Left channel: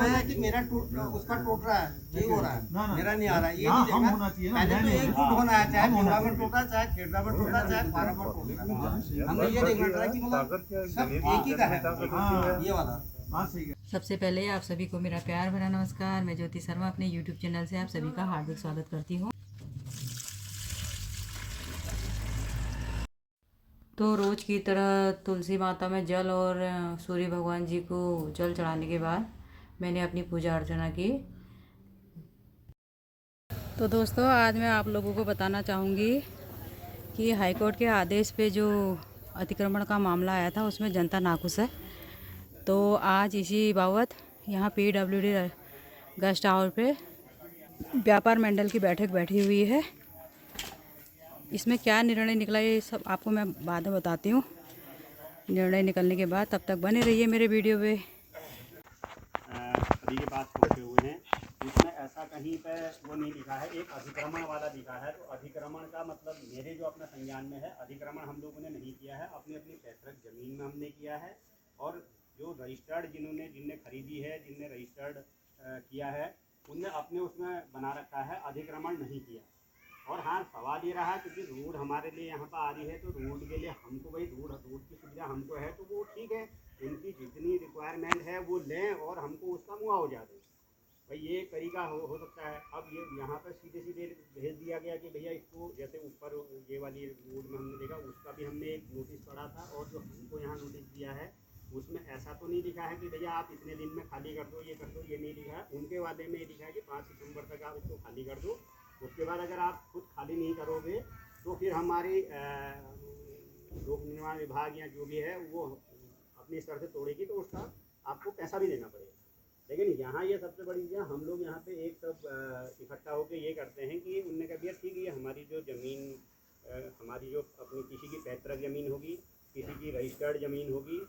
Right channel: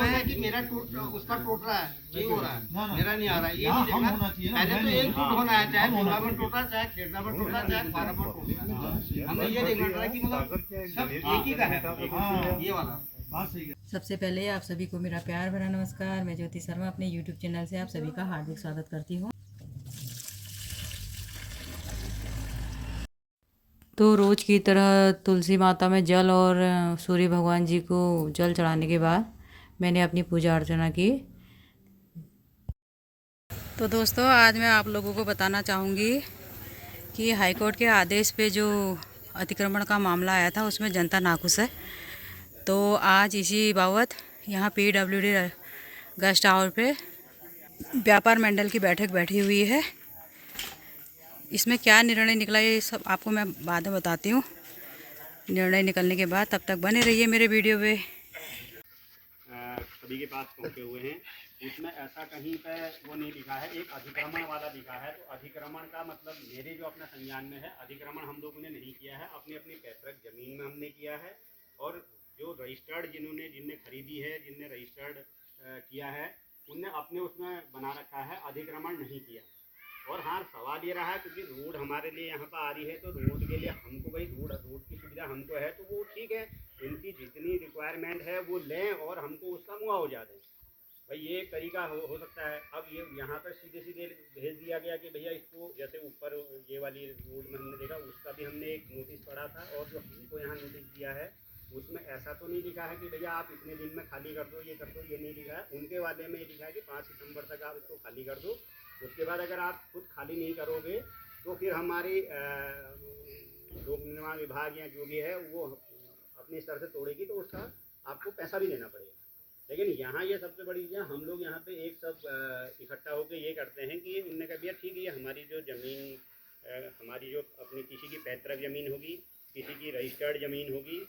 इसमें है कि मेरा उसका टूट रहा है, ये हो रहा है, मेरा नहीं आ रहा है, ये नहीं देखना। पहले तो एक फुट होना है, चाहे टोला में टूटा, चाहे खेड़ा में टूटा, चाहे फार्म में टूटा। हमने ये देखना था कि मतलब सब एक ही का है, ये वाला। सबसे पहले आप सभी को मेरा प्यार भरा नमस्कार। मैं ज्योति शर्मा अपने YouTube चैनल से आप सभी का हार्दिक स्वागत करती हूँ। तो रोज़ की तरह तुलसी माता में जल और सूर्य भगवान जी को जल चढ़ाने के बाद मैंने अपनी पूजा अर्चना की। तो दोस्तों, आज मैं आप लोगों को बताना चाहूँगी कि हाईकोर्ट के आदेश पे जो अतिक्रमण का मामला आया था उसमें जनता नाखुश है। तो आज इसी बाबत यहाँ PWD गेस्ट हाउस पे व्यापार मंडल की बैठक बैठी हुई है। इसमें क्या निर्णय निकला ये सब आपको मैं बाद में बताती हूँ। निर्णय निकलने के बाद तब तक बने रहिए मेरे वीडियो पे। सभी के पास पहुँचे हुए हैं, इसमें ऐसा कहीं पे वो नहीं लिखा है, एक अतिक्रमण वाला लिखा है। तो अतिक्रमण का मतलब मेरे जो अपना संज्ञान में है, अतिक्रमण हम लोगों ने नहीं किया है, अपनी अपनी पैतृक ज़मीन में हमने किया है। और जो रजिस्टर्ड जिन्हें खरीदी है, जिनने रजिस्टर्ड किया है, उनने अपने उसमें बना रखा है, अतिक्रमण नहीं किया। और हाँ, सवाल ये रहा क्योंकि रोड हमारे लिए यहाँ पर आ रही है, तो रोड के लिए हमको भाई रोड की सुविधा हमको है, तो वो ठीक है, उनकी जितनी रिक्वायरमेंट है वो लें और हमको उसका मुआवजा दें। भाई ये एक तरीका हो सकता है। अब ये यहाँ पर सीधे सीधे भेज दिया गया कि भैया इसको, जैसे ऊपर ये वाली रोड में हमने देखा, उसका भी हमने एक नोटिस पढ़ा था, और जो हमको यहाँ नोटिस दिया है उसमें ऐसा तो नहीं लिखा है कि भैया आप इतने दिन में खाली कर दो, ये कर दो, ये नहीं लिखा है। उनके वादे में ये लिखा है कि 5 सितंबर तक आप इसको खाली कर दो। उसके बाद अगर आप खुद खाली नहीं करोगे तो फिर हमारी लोक निर्माण विभाग या जो भी है वो अपने स्तर से तोड़ेगी, तो उसका आपको पैसा भी देना पड़ेगा। लेकिन यहाँ ये सबसे बड़ी चीज़, हम लोग यहाँ पे एक सब इकट्ठा होकर ये करते हैं कि उनने कहा भैया ठीक है, ये हमारी जो ज़मीन, हमारी जो अपनी किसी की पैतृक ज़मीन होगी, किसी की रजिस्टर्ड ज़मीन होगी,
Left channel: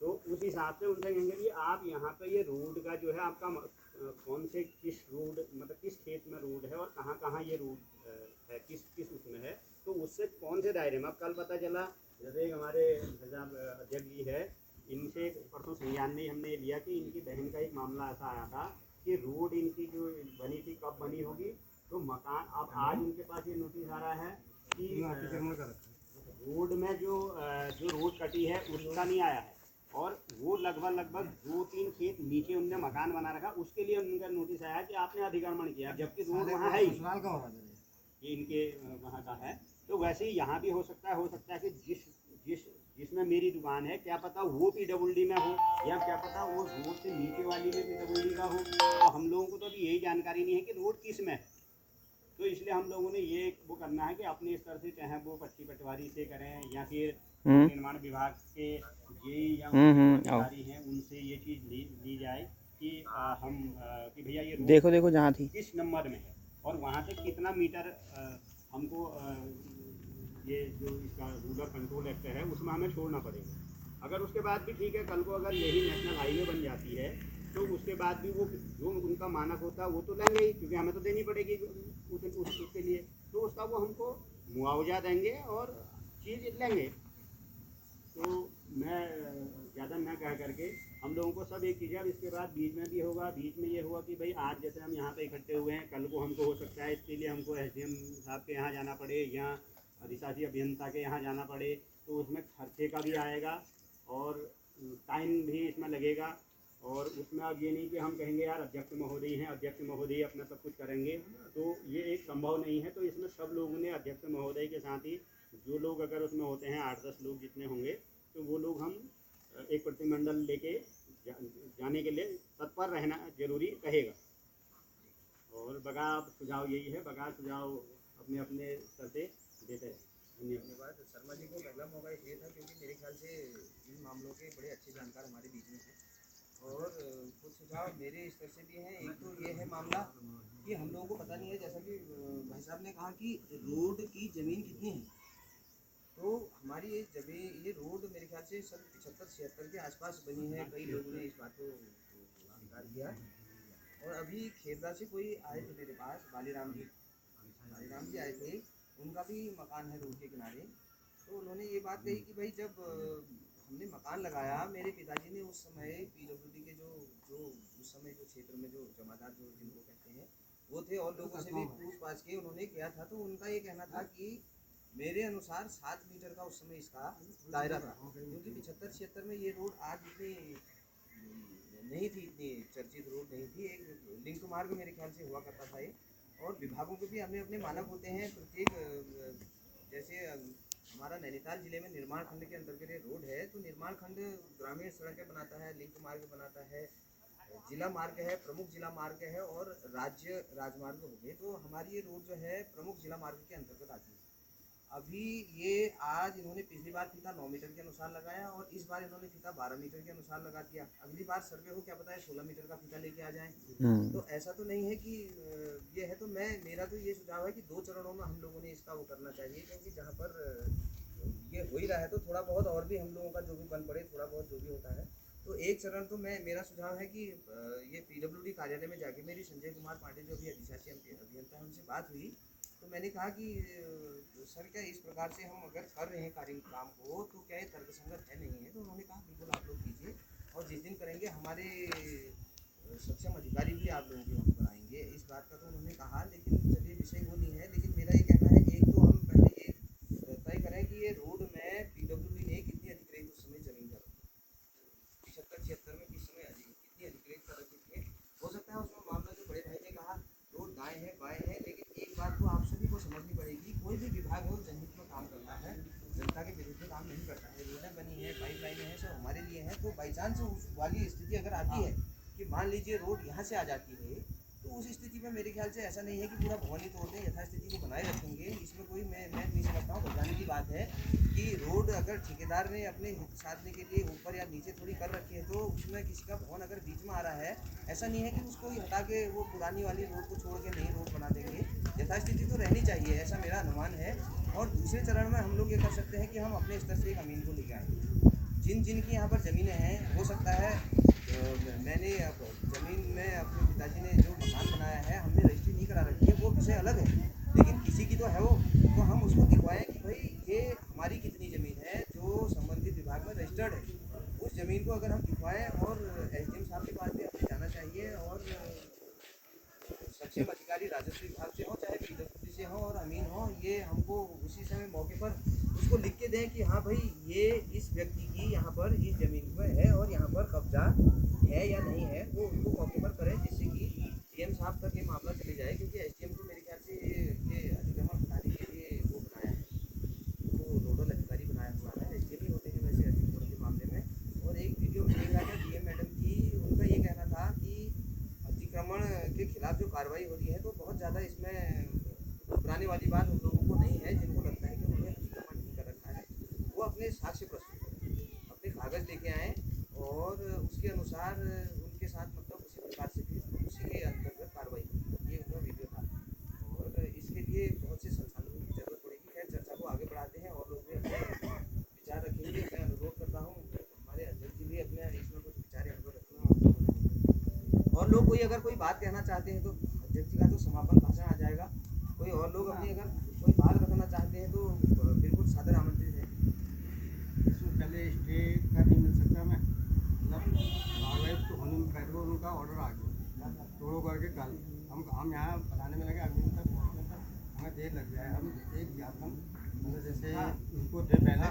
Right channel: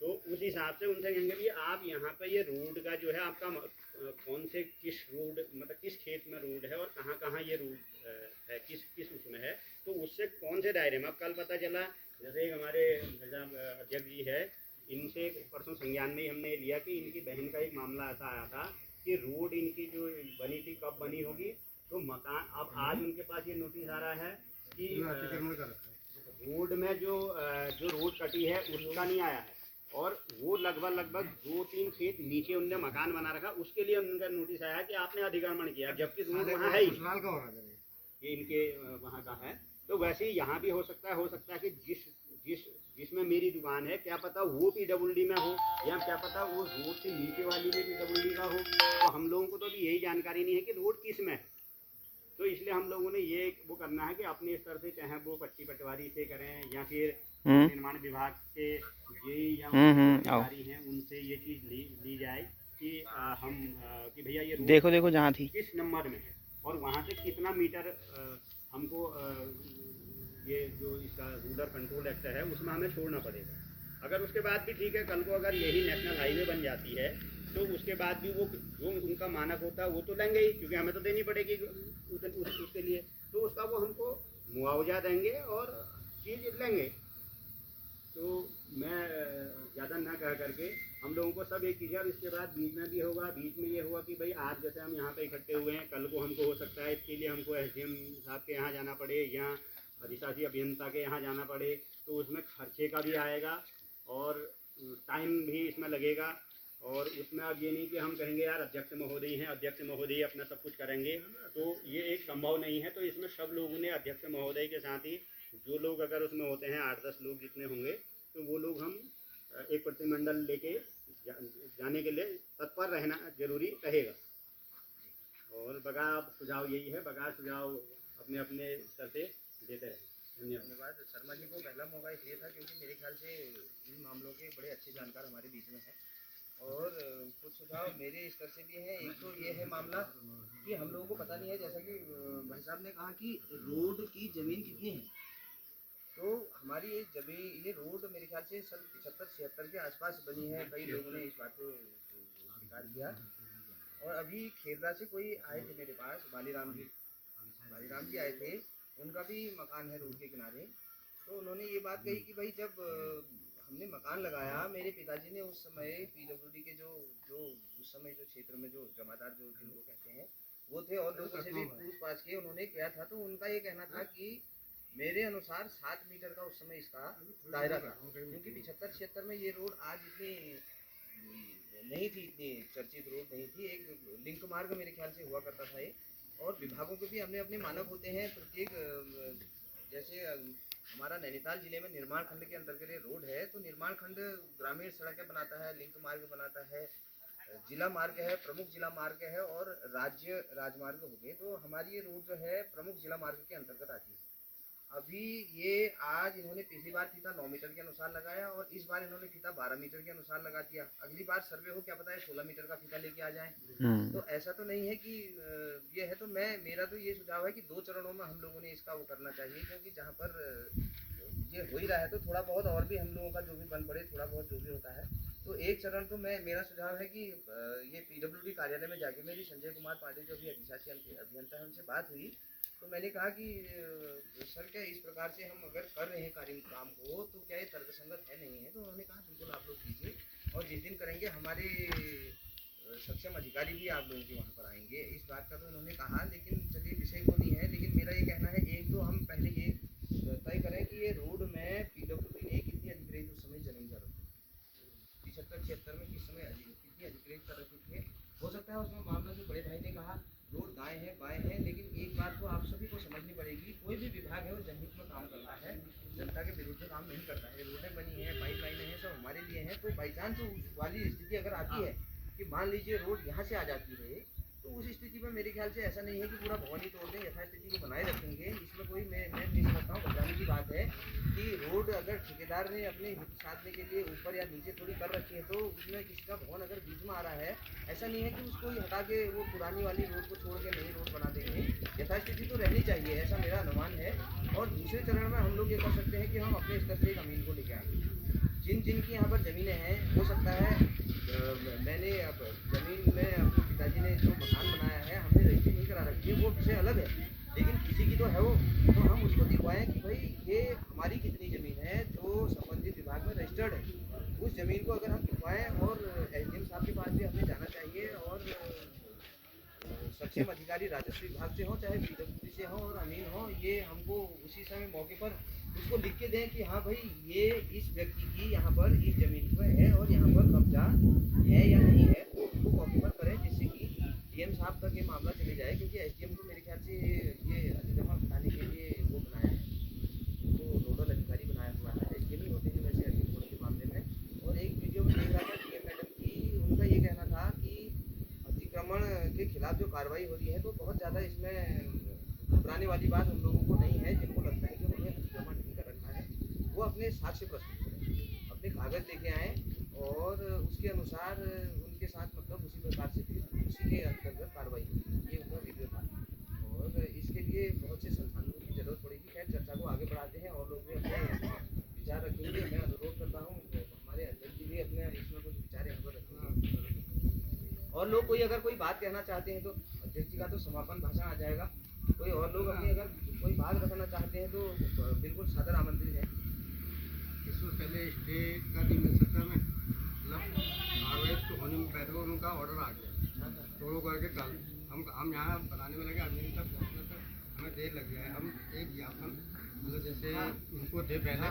तो उस हिसाब से उनसे कहेंगे भी आप यहाँ पे ये रोड का जो है आपका कौन से किस रोड, मतलब किस खेत में रोड है और कहाँ कहाँ ये रोड है, किस उसमें है, तो उससे कौन से दायरे में। अब कल पता चला, जैसे एक हमारे अध्यक्ष जी है, इनसे परसों संज्ञान में ही हमने लिया कि इनकी बहन का एक मामला ऐसा आया था कि रोड इनकी जो बनी थी कब बनी होगी, तो मकान, अब आज उनके पास ये नोटिस आ रहा है कि रोड में जो रोड कटी है उसका नहीं आया है, और वो लगभग 2-3 खेत नीचे उनने मकान बना रखा, उसके लिए उनका नोटिस आया कि आपने अतिक्रमण किया, जबकि रोड वहाँ है ही, ये इनके वहाँ का है। तो वैसे ही यहाँ भी हो सकता है कि जिसमें मेरी दुकान है, क्या पता वो PWD में हो, या क्या पता वो रोड से नीचे वाली में PWD का हो। तो हम लोगों को तो अभी यही जानकारी नहीं है कि रोड किस में है। तो इसलिए हम लोगों ने ये वो करना है कि अपने स्तर से, चाहे वो पट्टी पटवारी से करें या फिर निर्माण विभाग के ये या अधिकारी हैं, उनसे ये चीज़ ली जाए कि कि भैया ये देखो जहाँ थी किस नंबर में है, और वहाँ से कितना मीटर हमको ये जो इसका रूरल कंट्रोल एक्ट है उसमें हमें छोड़ना पड़ेगा। अगर उसके बाद भी ठीक है, कल को अगर यही नेशनल हाईवे बन जाती है, तो उसके बाद भी वो जो उनका मानक होता है वो तो लेंगे ही, क्योंकि हमें तो देनी पड़ेगी उसके लिए, तो उसका वो हमको मुआवजा देंगे और चीज़ लेंगे। तो मैं ज़्यादा ना कह करके हम लोगों को सब एक चीज़ है। अब इसके बाद बीच में ये होगा कि भाई आज जैसे हम यहाँ पे इकट्ठे हुए हैं, कल को हमको हो सकता है इसके लिए हमको SDM साहब के यहाँ जाना पड़े या अधिशासी अभियंता के यहाँ जाना पड़े, तो उसमें खर्चे का भी आएगा और टाइम भी इसमें लगेगा। और उसमें अब ये नहीं कि हम कहेंगे यार अध्यक्ष महोदय हैं, अध्यक्ष महोदय अपना सब कुछ करेंगे, तो ये एक संभव नहीं है। तो इसमें सब लोगों ने, अध्यक्ष महोदय के साथ ही जो लोग अगर उसमें होते हैं 8-10 लोग जितने होंगे, तो वो लोग हम एक प्रतिनिधिमंडल लेके जाने के लिए तत्पर रहना जरूरी रहेगा। और बगैर सुझाव यही है, बगैर सुझाव अपने अपने स्तर से देते रहें। धन्यवाद। शर्मा जी को पहला मौका इसलिए था क्योंकि मेरे ख्याल से इन मामलों के बड़े अच्छे जानकार हमारे बीच में हैं, और कुछ सुझाव मेरे स्तर से भी हैं। एक तो ये है मामला कि हम लोगों को पता नहीं है, जैसा कि भाई साहब ने कहा कि रोड की ज़मीन कितनी है, तो हमारी ये रोड मेरे ख्याल से सन 75-76 के आसपास बनी है। कई लोगों ने इस बात को स्वीकार किया। और अभी खेरला से कोई आए थे मेरे पास, बालीराम जी आए थे, उनका भी मकान है रोड के किनारे। तो उन्होंने ये बात कही कि भाई जब हमने मकान लगाया, मेरे पिताजी ने उस समय पीडब्ल्यूडी के जो उस समय जो क्षेत्र में जो जमादार जो जिनको कहते हैं वो थे, और लोगों से भी पूछ पाछ के उन्होंने किया था, तो उनका ये कहना था कि मेरे अनुसार 7 मीटर का उस समय इसका दायरा था, क्योंकि 75-76 में ये रोड आज इतनी नहीं थी, इतनी चर्चित रोड नहीं थी। एक लिंक मार्ग मेरे ख्याल से हुआ करता था ये, और विभागों के भी अपने अपने मानक होते हैं प्रत्येक। जैसे हमारा नैनीताल जिले में निर्माण खंड के अंतर्गत रोड है, तो निर्माण खंड ग्रामीण सड़कें बनाता है, लिंक मार्ग बनाता है, जिला मार्ग है, प्रमुख जिला मार्ग है, और राज्य राजमार्ग हो गए। तो हमारी ये रोड जो है प्रमुख जिला मार्ग के अंतर्गत आती है। अभी ये आज इन्होंने पिछली बार फीता 9 मीटर के अनुसार लगाया, और इस बार इन्होंने फीता 12 मीटर के अनुसार लगा दिया। अगली बार सर्वे हो क्या पता है 16 मीटर का फीता लेके आ जाएं। तो ऐसा तो नहीं है कि ये है। तो मेरा तो ये सुझाव है कि 2 चरणों में हम लोगों ने इसका वो करना चाहिए, क्योंकि जहाँ पर ये हो ही रहा है तो थोड़ा बहुत और भी हम लोगों का जो भी बन पड़े, थोड़ा बहुत जो भी होता है। तो एक चरण तो मेरा सुझाव है कि ये पीडब्ल्यूडी कार्यालय में जाके मेरी संजय कुमार पांडे जो भी अधिशासी अभियंता है उनसे बात हुई, तो मैंने कहा कि सर क्या इस प्रकार से हम अगर कर रहे हैं काम को तो क्या ये तर्कसंगत है नहीं है। तो उन्होंने कहा बिल्कुल आप लोग कीजिए, और जिस दिन करेंगे हमारे सक्षम अधिकारी भी आप लोगों के वहाँ पर आएंगे, इस बात का तो उन्होंने कहा। लेकिन चलिए विषय वो नहीं है, लेकिन मेरा ये कहना है एक तो हम पहले ये तय करें कि ये रोड में पीडब्ल्यूडी ने कितनी अधिग्रहित उस समय जमीन कर रखी, 75-76 में किस समय कितनी अधिग्रहित कर रखी थी। हो सकता है उसमें मामला जो बड़े भाई ने कहा रोड दाएं है बाएं है, लेकिन एक बात तो आप सभी को समझनी पड़ेगी, कोई भी विभाग है वो जनहित में काम करता है, जनता के विरुद्ध काम नहीं करता है। रोडें बनी हैं, पाइपलाइनें हैं, सब हमारे लिए हैं। तो बाई चांस उस वाली स्थिति अगर आती है कि मान लीजिए रोड यहाँ से आ जाती है, तो उस स्थिति में मेरे ख्याल से ऐसा नहीं है कि पूरा भवन ही तोड़ दें, यथास्थिति को बनाए रखेंगे। इसमें कोई मैं नहीं समझता हूँ घबराने की बात है कि रोड अगर ठेकेदार ने अपने हित साधने के लिए ऊपर या नीचे थोड़ी कर रखी है, तो उसमें किसी का भवन अगर बीच में आ रहा है, ऐसा नहीं है कि उसको हटा के वो पुरानी वाली रोड को छोड़ के नई रोड बना देंगे। यथास्थिति तो रहनी चाहिए, ऐसा मेरा अनुमान है। और दूसरे चरण में हम लोग ये कर सकते हैं कि हम अपने स्तर से एक अमीन को लेके आएंगे। जिन की यहाँ पर ज़मीनें हैं, हो सकता है मैंने अब ज़मीन में अपने पिताजी ने जो मकान बनाया है हमने रजिस्ट्री नहीं करा रखी है, वो विषय अलग है, लेकिन किसी की तो है वो, तो हम उसको दिखवाएं कि भाई ये हमारी कितनी ज़मीन है जो संबंधित विभाग में रजिस्टर्ड है। उस ज़मीन को अगर हम दिखवाएं, और एसडीएम साहब के पास भी अपने जाना चाहिए, और सक्षम अधिकारी राजस्व विभाग से हो चाहे पीडब्ल्यूडी से हो और अमीन हो, ये हमको उसी समय मौके पर उसको लिख के दें कि हाँ भाई ये इस व्यक्ति की यहाँ पर इस ज़मीन पर है और यहाँ पर कब्जा है या नहीं है, वो उनको मौके पर करें, जिससे कि डीएम साहब तक ये मामला चले जाए। क्योंकि एसडीएम को मेरे ख्याल से ये अतिक्रमण हटाने के लिए वो बनाया है, वो नोडल अधिकारी बनाया हुआ है, एसडीएम ही होते हैं वैसे अतिक्रमण के मामले में। और एक वीडियो में देख रहा था डीएम मैडम की, उनका ये कहना था कि अतिक्रमण के खिलाफ जो कार्रवाई हो रही है तो बहुत ज़्यादा इसमें घबराने वाली बात उन लोगों को नहीं है जिनको लगता है कि उन्होंने अतिक्रमण नहीं कर रखा है। वो अपने साक्ष्य प्रस्तुत करें, अपने कागज़ लेके आएँ, और उसके अनुसार उनके साथ मतलब उसी प्रकार से फिर उसी के अंतर्गत कार्रवाई होगी। ये उनका वीडियो था, और इसके लिए बहुत से संसाधनों की जरूरत पड़ेगी। खैर चर्चा को आगे बढ़ाते हैं, और लोग भी अपने विचार रखेंगे। मैं अनुरोध करता हूँ हमारे अध्यक्ष जी भी अपने इसमें कुछ विचार यहाँ पर रखेंगे, और लोग कोई अगर कोई बात कहना चाहते हैं तो अध्यक्ष जी का तो समापन भाषण आ जाएगा। कोई और लोग अपनी अगर कोई बात रखना चाहते हैं तो बिल्कुल सादर आमंत्रित है। इसमें पहले स्टे का नहीं मिल सकता, मैं मतलब कार्रवाई तो होने में पहले उनका ऑर्डर आ गया, तोड़ो करके कल हम यहाँ बनाने में लगे, अमीन तक पहुँचने तक हमें देर लग गया है। हम एक ज्ञापन मतलब जैसे उनको दे पहले,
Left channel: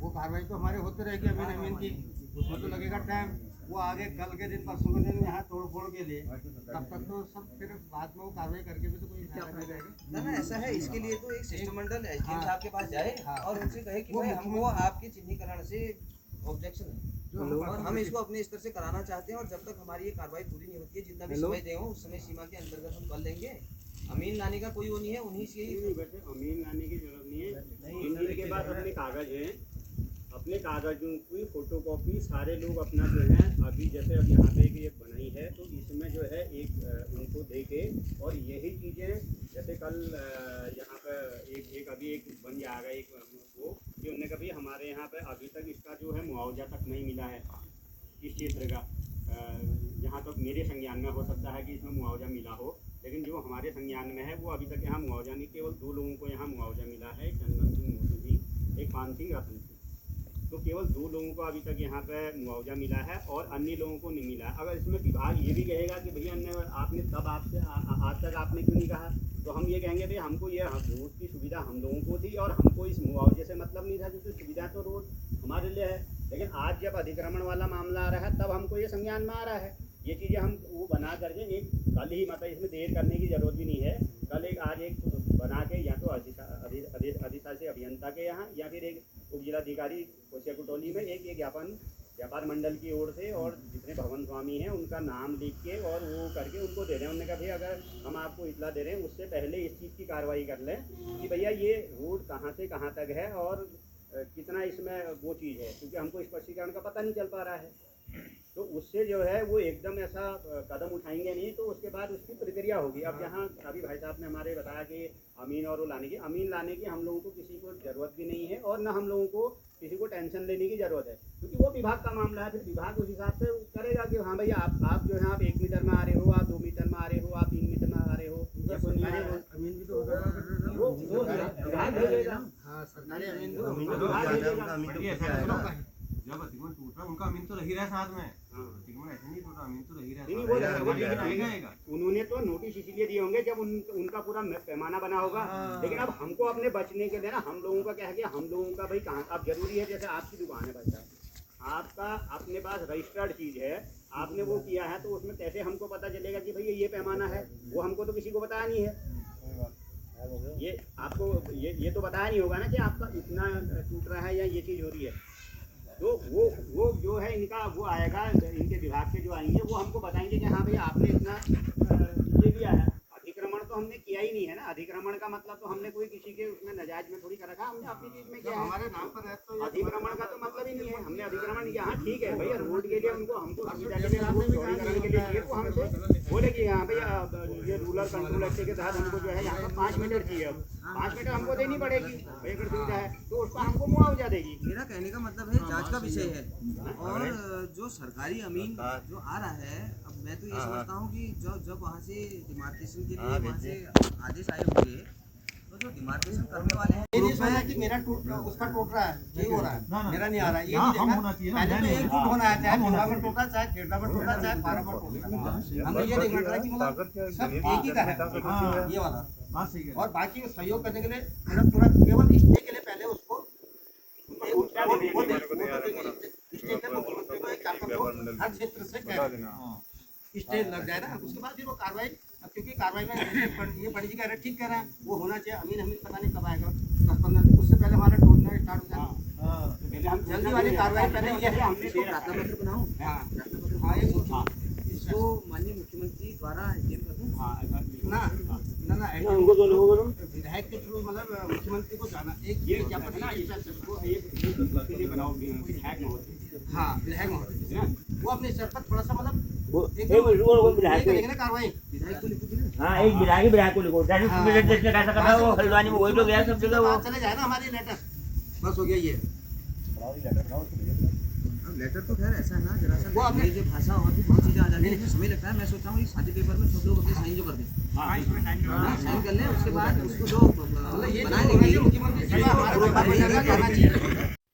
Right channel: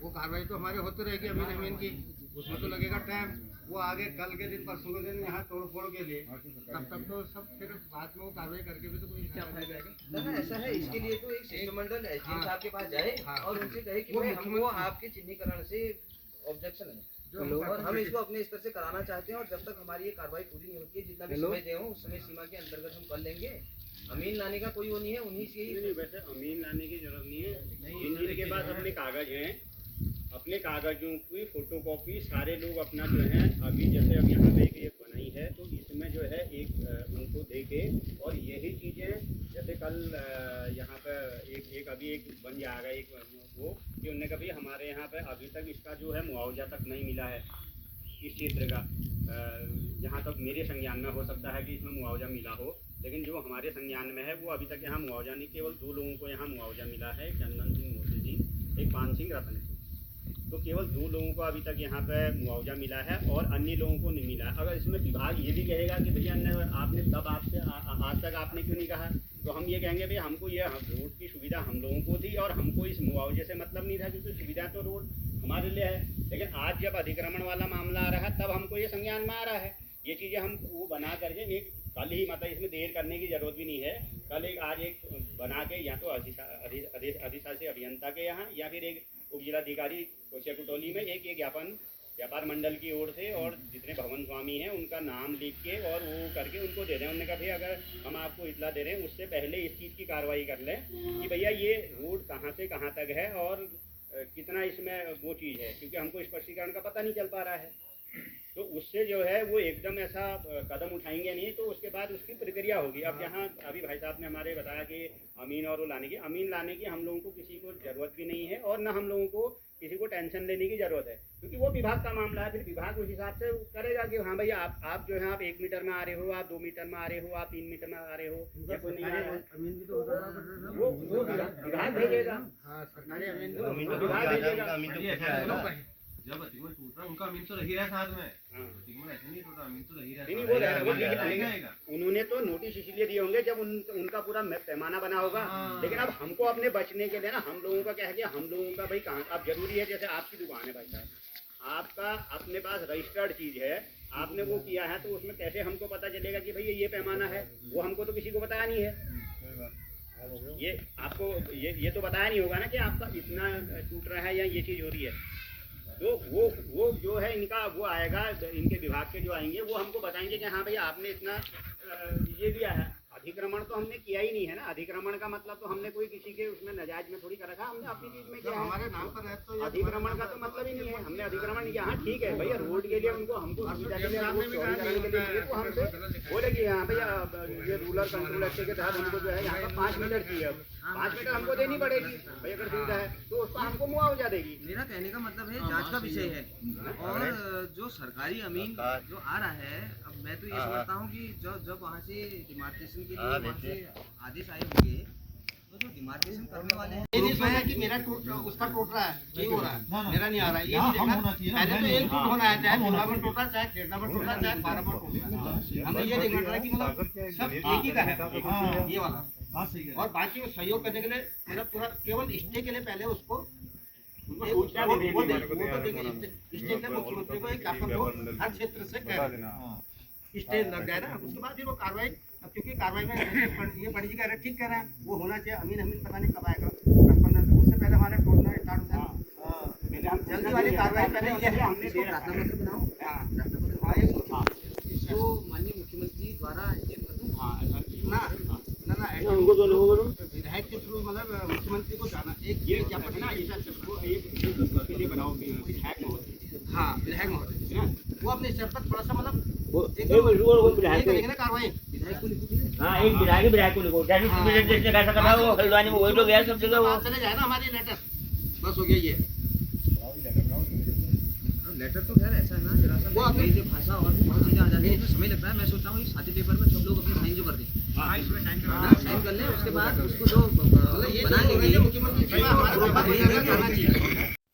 वो कार्रवाई तो हमारे होते रहेगी अमीन की, उसमें तो लगेगा टाइम। वो आगे कल के दिन परसों के दिन यहाँ तोड़ फोड़ के लिए, तब तक तो सब फिर बाद में वो कार्रवाई करके भी तो कोई नहीं जाएगा ना। ऐसा है, इसके लिए तो एक शिष्टमंडल एसडीएम साहब के पास जाए और उनसे कहे कि भाई हमको आपके चिन्हीकरण से ऑब्जेक्शन है, और हम इसको अपने स्तर से कराना चाहते हैं, और जब तक हमारी ये कार्रवाई पूरी नहीं होती है, जितना भी समय दे उस समय सीमा के अंतर्गत हम कर लेंगे। अमीन लाने का कोई वो नहीं है, उन्हीं से ही। वैसे अमीन लाने की जरूरत नहीं है, जिनके पास अपने कागज हैं, अपने कागजों की फोटोकॉपी सारे लोग अपना जो है, अभी जैसे अब यहाँ पे एक बनाई है तो इसमें जो है एक उनको दे के, और यही चीज़ें जैसे कल यहाँ पर एक अभी एक बन जाएगा एक वो कि उन्होंने कभी हमारे यहाँ पे अभी तक इसका जो है मुआवजा तक नहीं मिला है इस क्षेत्र का। जहाँ तक मेरे संज्ञान में हो सकता है कि इसमें मुआवजा मिला हो, लेकिन जो हमारे संज्ञान में है वो अभी तक यहाँ मुआवजा नहीं, केवल 2 लोगों को यहाँ मुआवजा मिला है, चंदन सिंह मोदी जी, एक पान सिंह रतन सिंह। तो केवल 2 लोगों को अभी तक यहाँ पे मुआवजा मिला है और अन्य लोगों को नहीं मिला है। अगर इसमें विभाग ये भी कहेगा कि भैया आपने तब आपसे आज तक आपने क्यों नहीं कहा, तो हम ये कहेंगे भैया हमको ये रोड की सुविधा हम लोगों को थी और हमको इस मुआवजे से मतलब नहीं था, क्योंकि सुविधा तो रोड हमारे लिए है। लेकिन आज जब अधिक्रमण वाला मामला आ रहा है तब हमको ये संज्ञान में आ रहा है। ये चीज़ें हम वो बना करके एक कल ही, मतलब इसमें देर करने की ज़रूरत भी नहीं है, कल आज एक बना के या तो अधिशासी अभियंता के यहाँ या फिर एक उप जिलाधिकारी कोशिया कुटौली में एक ज्ञापन व्यापार मंडल की ओर से और जितने भवन स्वामी हैं उनका नाम लिख के और वो करके उनको दे दें। उन्होंने कहा भाई अगर हम आपको इतला दे रहे हैं उससे पहले इस चीज़ की कार्रवाई कर लें कि भैया ये रोड कहाँ से कहाँ तक है और कितना इसमें वो चीज़ है, क्योंकि हमको स्पष्टीकरण का पता नहीं चल पा रहा है। तो उससे जो है वो एकदम ऐसा कदम उठाएंगे नहीं, तो उसके बाद उसकी प्रक्रिया होगी। अब जहाँ अभी भाई साहब ने हमारे बताया कि अमीन और वो अमीन लाने की हम लोगों को किसी को ज़रूरत भी नहीं है और न हम लोगों को किसी को टेंशन लेने की ज़रूरत है, क्योंकि वो विभाग का मामला है। फिर विभाग उस हिसाब से करेगा कि हाँ भैया आप जो है आप 1 मीटर में आ रहे हो, आप 2 मीटर में आ रहे हो, आप 3 मीटर में आ रहे हो, या कोई नहीं आ रहा है, वो विभाग भेजेगा। हाँ, सरकारी अमीन भेजेगा। जब अतिक्रमण टूट रहा उनका अमीन तो रही रहा साथ में, अतिक्रमण ऐसे नहीं टूटा, अमीन तो रही रहा। उन्होंने तो नोटिस इसलिए दिए होंगे जब उनका पूरा पैमाना बना होगा। लेकिन अब हमको अपने बचने के लिए ना, हम लोगों का क्या है कि हम लोगों का भाई कहाँ अब जरूरी है, जैसे आपकी दुकान है भाई साहब, आपका अपने पास रजिस्टर्ड चीज़ है, आपने वो किया है, तो उसमें कैसे हमको पता चलेगा कि भाई ये पैमाना है? वो हमको तो किसी को बताया नहीं है। ये आपको ये तो बताया नहीं होगा ना कि आपका इतना टूट रहा है या ये चीज़ हो रही है। तो वो जो है इनका वो आएगा, इनके विभाग के जो आएंगे वो हमको बताएंगे कि हाँ भैया आपने इतना ये दिया है। अतिक्रमण तो हमने किया ही नहीं है ना। अतिक्रमण का मतलब तो हमने कोई किसी के उसमें नाजायज में थोड़ी कर रखा, हमने अपनी चीज में किया। हमारे नाम पर है तो अतिक्रमण का तो मतलब ही नहीं है, हमने अतिक्रमण किया। हाँ ठीक है भैया, रोड के लिए हमको बोलेगी हाँ भैया ये रूरल कंट्रोल एक्ट के तहत हमको जो है यहाँ पर 5 मीटर चाहिए, अब 5 मीटर हमको देनी पड़ेगी भैया, अगर सुविधा है तो उसको हमको मुआवजा देगी। मेरा कहने का मतलब है जांच का विषय है। और जो सरकारी अमीन जो आ रहा है, अब मैं तो ये समझता हूँ कि जब वहाँ से डिमार्केशन के लिए वहाँ से आदेश आए होंगे, तो जो डिमार्केशन करने वाले हैं, ये नहीं सोचा कि मेरा उसका टूट रहा है, ये हो रहा है, मेरा नहीं आ रहा है, ये नहीं देखना। पहले तो एक टूट होना है, चाहे टोला में टूटा, चाहे खेड़ा में टूटा, चाहे फारा में टूटा। हमें ये देखना था कि मतलब सब एक ही का है ये वाला, और बाकी वो सहयोग करने के लिए मतलब पूरा केवल स्टे के लिए पहले उसको वो देंगे। स्टे के मुख्यमंत्री को एक ज्ञापन दो, हर क्षेत्र से स्टे लग जाए ना, उसके बाद फिर वो कार्रवाई, क्योंकि कार्रवाई में ये पंडित जी कह रहे ठीक कह रहे हैं, वो होना चाहिए। अमीन पता नहीं कब आएगा, 10-15 उससे पहले हमारा टूटना स्टार्ट हो जाएगा। जल्दी वाली कार्रवाई पहले ये है, हमने इसको प्रार्थना पत्र बनाओ, इसको माननीय मुख्यमंत्री द्वारा ना विधायक के थ्रू, मतलब मुख्यमंत्री को जाना एक ज्ञापन ना हाँ विधायक महोदय वो अपने स्तर पर थोड़ा सा मतलब कार्रवाई विधायक को लिखो, हाँ एक विधायक को लिखो, हल्द्वानी में वही लोग गया सब जगह चले जाए ना हमारी लेटर, बस हो गया ये लेटर। तो खैर ऐसा है ना, जरा सा अंग्रेजी भाषा और भी बहुत चीज़ें आ जाती है, इसमें समय लगता है। मैं सोच रहा हूँ साझे पेपर में सब लोग अपने साइन जो कर दें, साइन कर लें, उसके बाद उसको जो बनाएंगे।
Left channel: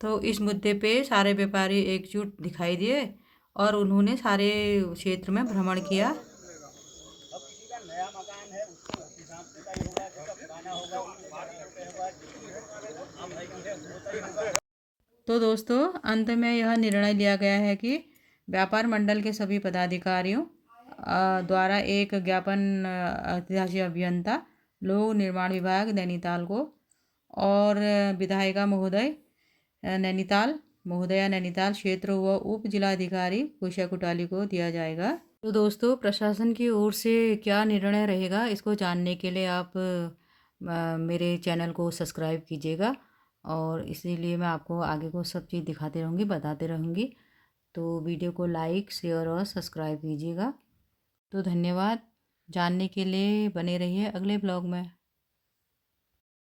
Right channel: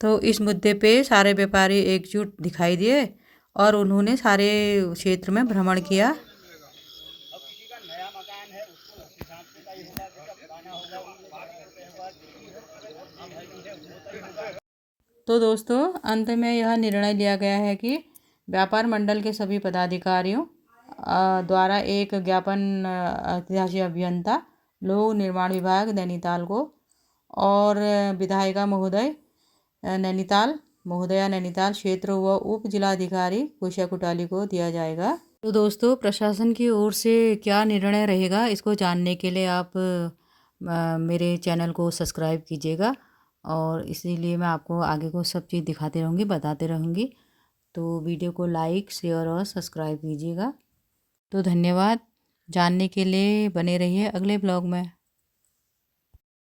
तो इस मुद्दे पे सारे व्यापारी एकजुट दिखाई दिए और उन्होंने सारे क्षेत्र में भ्रमण किया। अब किसी का नया मकान है उसको उस हिसाब से तय होगा, जैसा पुराना होगा। तो दोस्तों अंत में यह निर्णय लिया गया है कि व्यापार मंडल के सभी पदाधिकारियों द्वारा एक ज्ञापन अधिशासी अभियंता लोक निर्माण विभाग नैनीताल को और विधायिका महोदया नैनीताल क्षेत्र व उप जिलाधिकारी कोशिया कुटौली को दिया जाएगा। तो दोस्तों प्रशासन की ओर से क्या निर्णय रहेगा, इसको जानने के लिए आप मेरे चैनल को सब्सक्राइब कीजिएगा, और इसीलिए मैं आपको आगे को सब चीज़ दिखाते रहूँगी, बताते रहूँगी। तो वीडियो को लाइक, शेयर और सब्सक्राइब कीजिएगा। तो धन्यवाद, जानने के लिए बने रहिए अगले ब्लॉग में।